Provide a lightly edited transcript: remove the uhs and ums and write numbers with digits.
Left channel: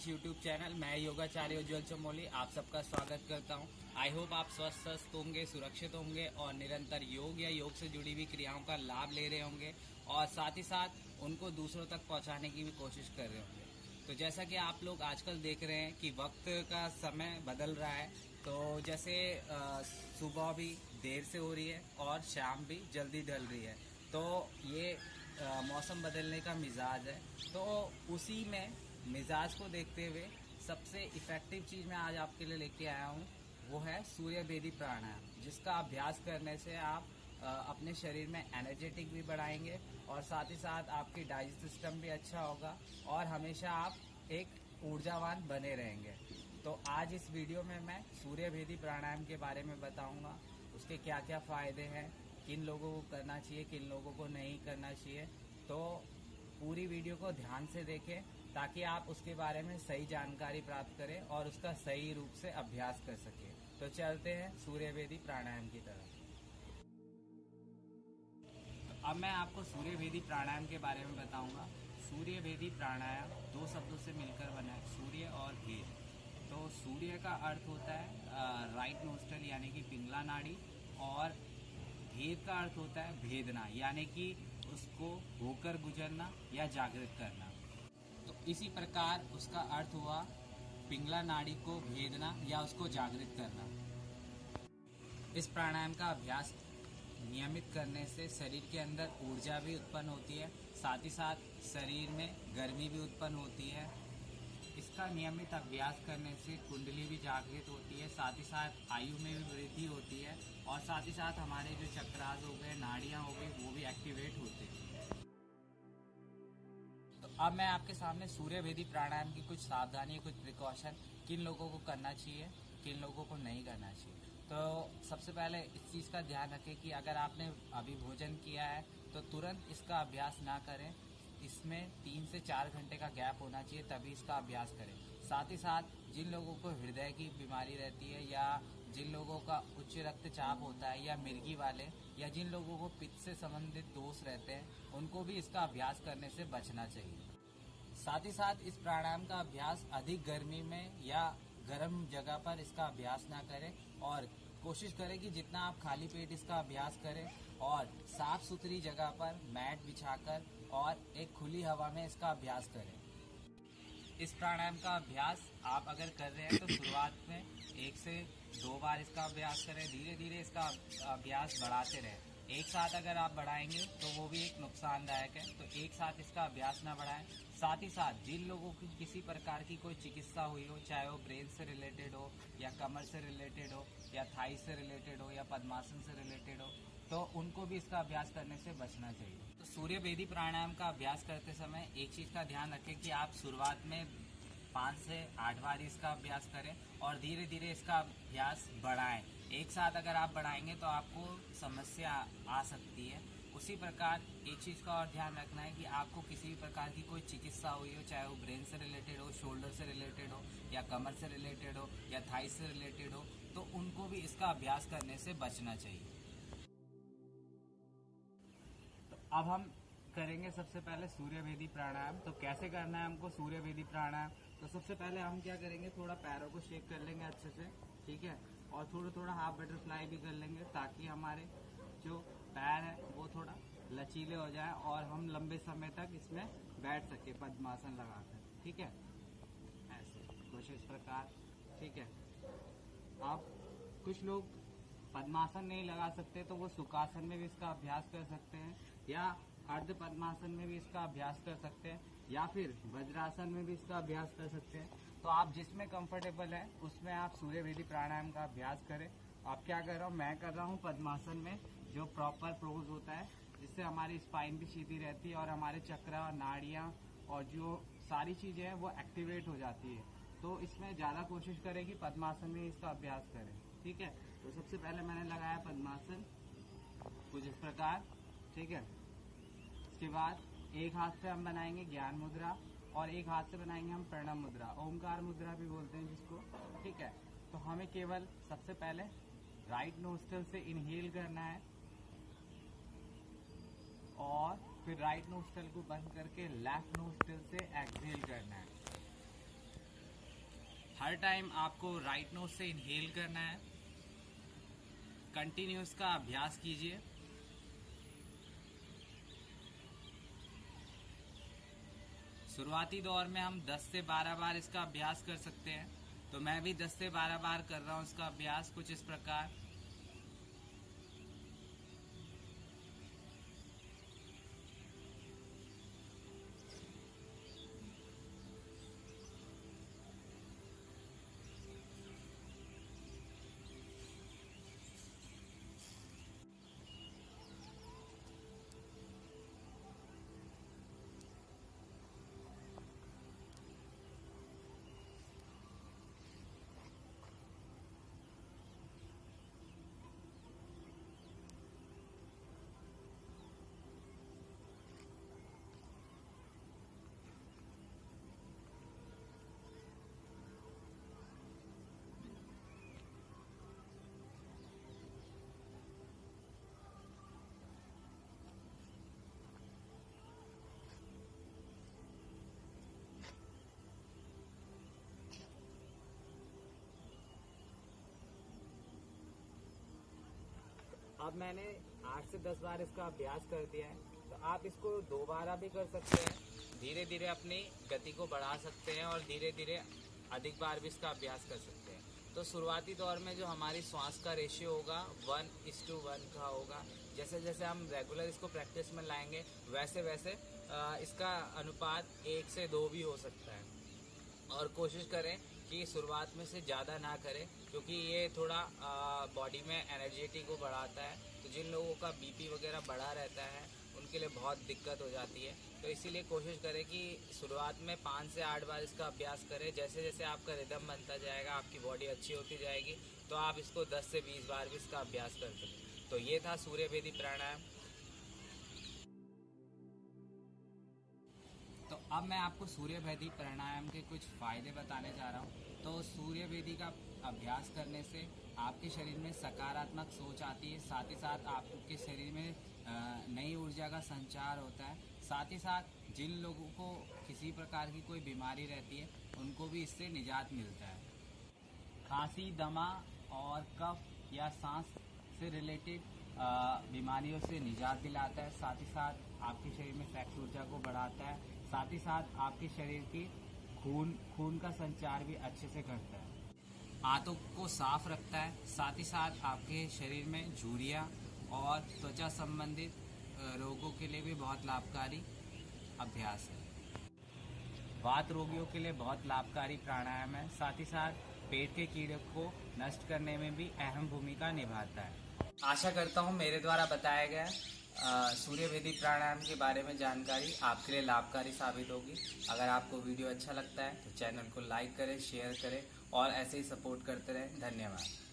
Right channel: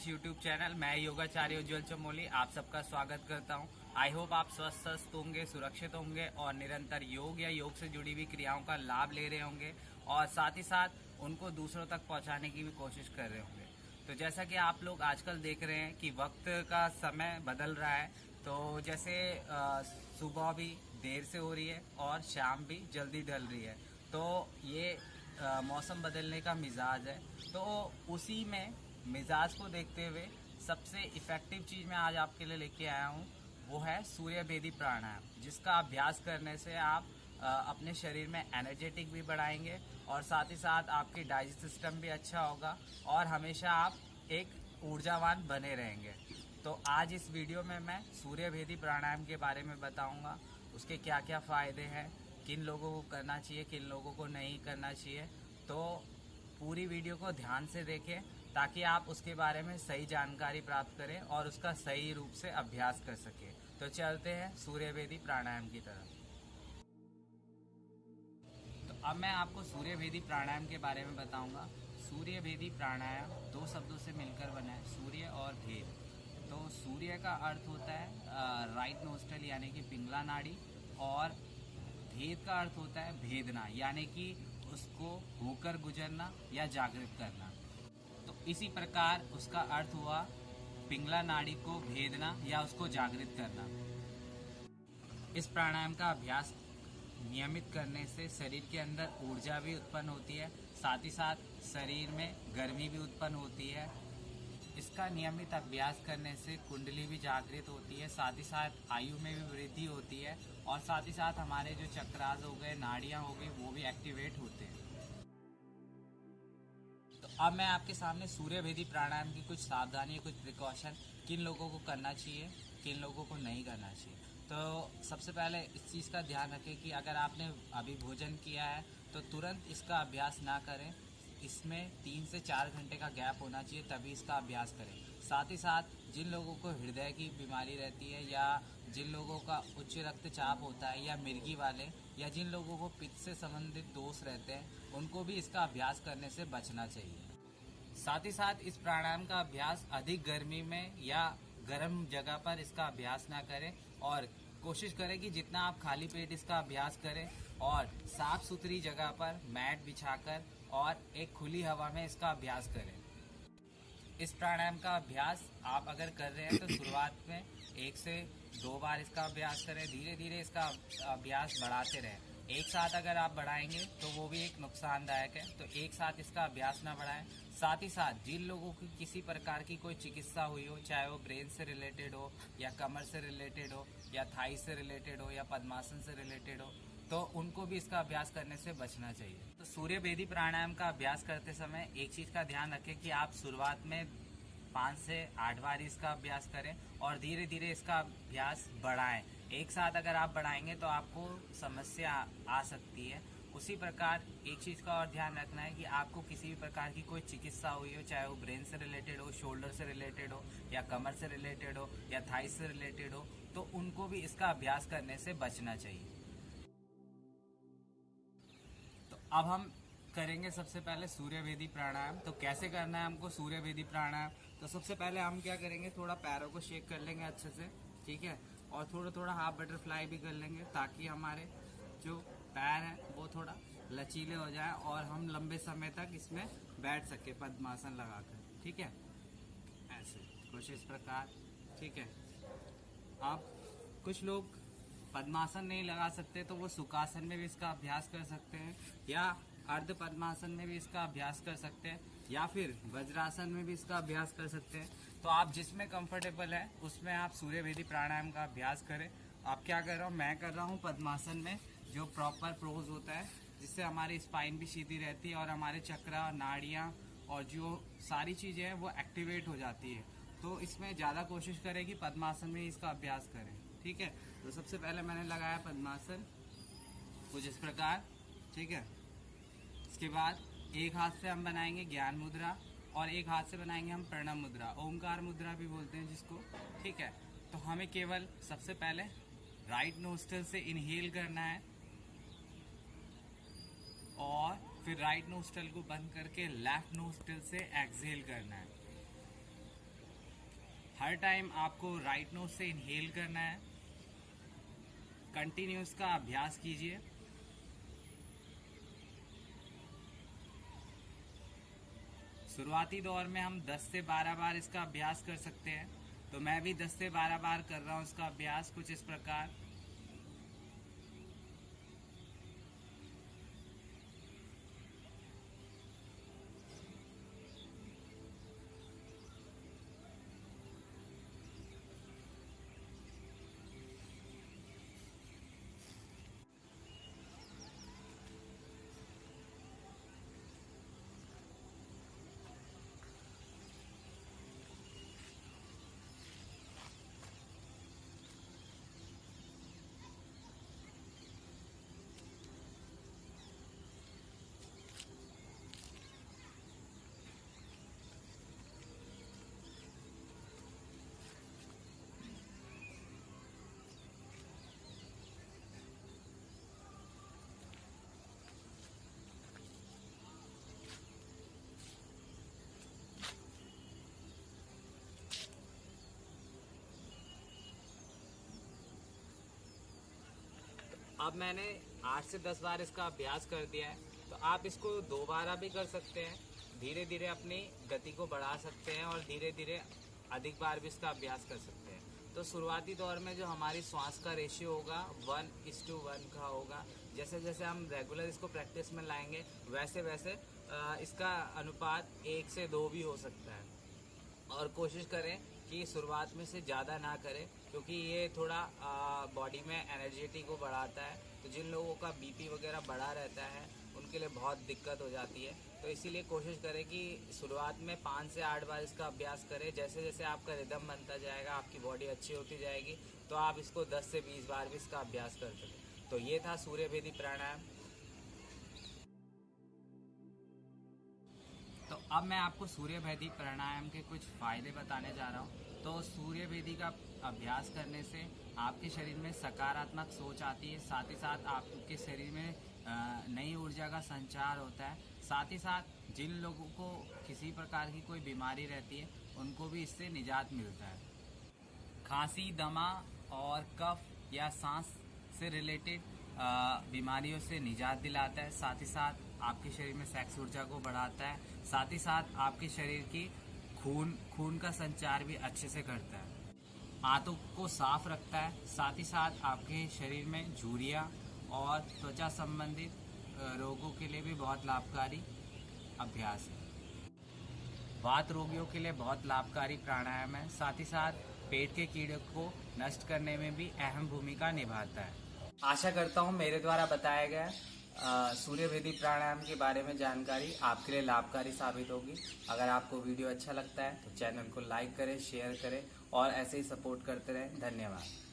Fitness YouTube channel. मैं योगाचार्य उज्ज्वल चमोली आप सबका स्वागत करता हूं। आई होप आप स्वस्थ होंगे, सुरक्षित होंगे और निरंतर योग या योग से जुड़ी हुई क्रियाओं का लाभ ले रहे होंगे और साथ ही साथ उनको दूसरों तक पहुंचाने की भी कोशिश कर रहे होंगे। तो जैसा कि आप लोग आजकल देख रहे हैं कि वक्त का समय बदल रहा है, तो जैसे सुबह भी देर से हो रही है और शाम भी जल्दी ढल रही है, तो ये मौसम बदलने का मिजाज है। तो उसी में मिजाज को देखते हुए सबसे इफेक्टिव चीज़ मैं आज आपके लिए लेके आया हूँ, वो है सूर्य भेदी प्राणायाम, जिसका अभ्यास करने से आप अपने शरीर में एनर्जेटिक भी बढ़ाएंगे और साथ ही साथ आपकी डाइजेस्ट सिस्टम भी अच्छा होगा और हमेशा आप एक ऊर्जावान बने रहेंगे। तो आज इस वीडियो में मैं सूर्य भेदी प्राणायाम के बारे में बताऊंगा, उसके क्या क्या फ़ायदे हैं, किन लोगों को करना चाहिए, किन लोगों को नहीं करना चाहिए। तो पूरी वीडियो को ध्यान से देखें ताकि आप उसके बारे में सही जानकारी प्राप्त करें और उसका सही रूप से अभ्यास कर सकें। तो चलते हैं सूर्य भेदी प्राणायाम की तरफ। तो अब मैं आपको सूर्य भेदी प्राणायाम के बारे में बताऊंगा। सूर्य भेदी प्राणायाम दो शब्दों से मिलकर बना है, सूर्य और भेद। तो सूर्य का अर्थ होता है राइट नोस्ट्रल यानी कि पिंगला नाड़ी, और भेद का अर्थ होता है भेदना यानी कि उसको होकर गुजरना या जागृत करना। तो इसी प्रकार उसका अर्थ हुआ पिंगला नाड़ी को भेदना या उसको जागृत करना। इस प्राणायाम का अभ्यास नियमित करने से शरीर के अंदर ऊर्जा भी उत्पन्न होती है, साथ ही साथ शरीर में गर्मी भी उत्पन्न होती है। इसका नियमित अभ्यास करने से कुंडली भी जागृत होती है, साथ ही साथ आयु में भी वृद्धि होती है और साथ ही साथ हमारे जो चक्रास हो गए, नाड़ियां हो गई, वो भी एक्टिवेट होते हैं। तो अब मैं आपके सामने सूर्य भेदी प्राणायाम की कुछ सावधानी, कुछ प्रिकॉशन, किन लोगों को करना चाहिए, किन लोगों को नहीं करना चाहिए। तो सबसे पहले इस चीज़ का ध्यान रखें कि अगर आपने अभी भोजन किया है तो तुरंत इसका अभ्यास ना करें। इसमें 3 से 4 घंटे का गैप होना चाहिए, तभी इसका अभ्यास करें। साथ ही साथ जिन लोगों को हृदय की बीमारी रहती है या जिन लोगों का उच्च रक्तचाप होता है या मिर्गी वाले या जिन लोगों को पित्त से संबंधित दोष रहते हैं, उनको भी इसका अभ्यास करने से बचना चाहिए। साथ ही साथ इस प्राणायाम का अभ्यास अधिक गर्मी में या गर्म जगह पर इसका अभ्यास ना करें और कोशिश करें कि जितना आप खाली पेट इसका अभ्यास करें और साफ सुथरी जगह पर मैट बिछाकर और एक खुली हवा में इसका अभ्यास करें। इस प्राणायाम का अभ्यास आप अगर कर रहे हैं तो शुरुआत में 1 से 2 बार इसका अभ्यास करें, धीरे धीरे इसका अभ्यास बढ़ाते रहें। एक साथ अगर आप बढ़ाएंगे तो वो भी एक नुकसानदायक है, तो एक साथ इसका अभ्यास ना बढ़ाएं। साथ ही साथ जिन लोगों की किसी प्रकार की कोई चिकित्सा हुई हो, चाहे वो ब्रेन से रिलेटेड हो या कमर से रिलेटेड हो या थाई से रिलेटेड हो या पद्मासन से रिलेटेड हो, तो उनको भी इसका अभ्यास करने से बचना चाहिए। तो सूर्य भेदी प्राणायाम का अभ्यास करते समय एक चीज का ध्यान रखें कि आप शुरुआत में 5 से 8 बार इसका अभ्यास करें और धीरे धीरे इसका अभ्यास बढ़ाएं। एक साथ अगर आप बढ़ाएंगे तो आपको समस्या आ सकती है। उसी प्रकार एक चीज का और ध्यान रखना है कि आपको किसी भी प्रकार की कोई चिकित्सा हुई हो, चाहे वो ब्रेन से रिलेटेड हो, शोल्डर से रिलेटेड हो या कमर से रिलेटेड हो या थाई से रिलेटेड हो, तो उनको भी इसका अभ्यास करने से बचना चाहिए। तो अब हम करेंगे सबसे पहले सूर्य भेदी प्राणायाम। तो कैसे करना है हमको सूर्य भेदी प्राणायाम? तो सबसे पहले हम क्या करेंगे, थोड़ा पैरों को शेक कर लेंगे अच्छे से, ठीक है, और थोड़ा थोड़ा हाफ बटरफ्लाई भी कर लेंगे ताकि हमारे जो पैर हैं वो थोड़ा लचीले हो जाएं और हम लंबे समय तक इसमें बैठ सके पद्मासन लगाकर, ठीक है, ऐसे कुछ इस प्रकार, ठीक है। अब कुछ लोग पद्मासन नहीं लगा सकते तो वो सुखासन में भी इसका अभ्यास कर सकते हैं या अर्ध पद्मासन में भी इसका अभ्यास कर सकते हैं या फिर वज्रासन में भी इसका अभ्यास कर सकते हैं। तो आप जिसमें कंफर्टेबल है उसमें आप सूर्य भेदी प्राणायाम का अभ्यास करें। आप क्या कर रहा हूँ, मैं कर रहा हूँ पद्मासन में, जो प्रॉपर पोज होता है जिससे हमारी स्पाइन भी सीधी रहती है और हमारे चक्रा, नाड़ियाँ और जो सारी चीज़ें हैं वो एक्टिवेट हो जाती है। तो इसमें ज़्यादा कोशिश करें कि पद्मासन में इसका अभ्यास करें, ठीक है। तो सबसे पहले मैंने लगाया पद्मासन कुछ इस प्रकार, ठीक है। इसके बाद एक हाथ से हम बनाएंगे ज्ञान मुद्रा और एक हाथ से बनाएंगे हम प्रणव मुद्रा, ओमकार मुद्रा भी बोलते हैं जिसको, ठीक है। तो हमें केवल सबसे पहले राइट नोस्ट्रल से इनहेल करना है और फिर राइट नोस्ट्रल को बंद करके लेफ्ट नोस्ट्रल से एक्सहेल करना है। हर टाइम आपको राइट नोज से इनहेल करना है। कंटिन्यूस का अभ्यास कीजिए। शुरुआती दौर में हम 10 से 12 बार इसका अभ्यास कर सकते हैं, तो मैं भी 10 से 12 बार कर रहा हूँ इसका अभ्यास कुछ इस प्रकार। अब मैंने 8 से 10 बार इसका अभ्यास कर दिया है, तो आप इसको दोबारा भी कर सकते हैं। धीरे धीरे अपनी गति को बढ़ा सकते हैं और धीरे धीरे अधिक बार भी इसका अभ्यास कर सकते हैं। तो शुरुआती दौर में जो हमारी श्वास का रेशियो होगा 1:1 का होगा। जैसे जैसे हम रेगुलर इसको प्रैक्टिस में लाएंगे वैसे वैसे इसका अनुपात 1 से 2 भी हो सकता है। और कोशिश करें कि शुरुआत में से ज़्यादा ना करें, क्योंकि ये थोड़ा बॉडी में एनर्जेटिक को बढ़ाता है। तो जिन लोगों का बीपी वगैरह बढ़ा रहता है उनके लिए बहुत दिक्कत हो जाती है। तो इसीलिए कोशिश करें कि शुरुआत में 5 से 8 बार इसका अभ्यास करें। जैसे जैसे आपका रिदम बनता जाएगा, आपकी बॉडी अच्छी होती जाएगी, तो आप इसको 10 से 20 बार भी इसका अभ्यास कर सकें। तो ये था सूर्य भेदी प्राणायाम। तो अब मैं आपको सूर्य भेदी प्राणायाम के कुछ फायदे बताने जा रहा हूँ। तो सूर्य भेदी का अभ्यास करने से आपके शरीर में सकारात्मक सोच आती है, साथ ही साथ आपके शरीर में नई ऊर्जा का संचार होता है। साथ ही साथ जिन लोगों को किसी प्रकार की कोई बीमारी रहती है उनको भी इससे निजात मिलता है। खांसी, दमा और कफ या सांस से रिलेटेड बीमारियों से निजात दिलाता है। साथ ही साथ आपके शरीर में सेक्स ऊर्जा को बढ़ाता है। साथ ही साथ आपके शरीर की खून का संचार भी अच्छे से करता है। आंतों को साफ रखता है। साथ ही साथ आपके शरीर में झुर्रियां और त्वचा संबंधित रोगों के लिए भी बहुत लाभकारी अभ्यास है। वात रोगियों के लिए बहुत लाभकारी प्राणायाम है। साथ ही साथ पेट के कीड़े को नष्ट करने में भी अहम भूमिका निभाता है। आशा करता हूँ मेरे द्वारा बताया गया सूर्य भेदी प्राणायाम के बारे में जानकारी आपके लिए लाभकारी साबित होगी। अगर आपको वीडियो अच्छा लगता है तो चैनल को लाइक करें, शेयर करें और ऐसे ही सपोर्ट करते रहें। धन्यवाद।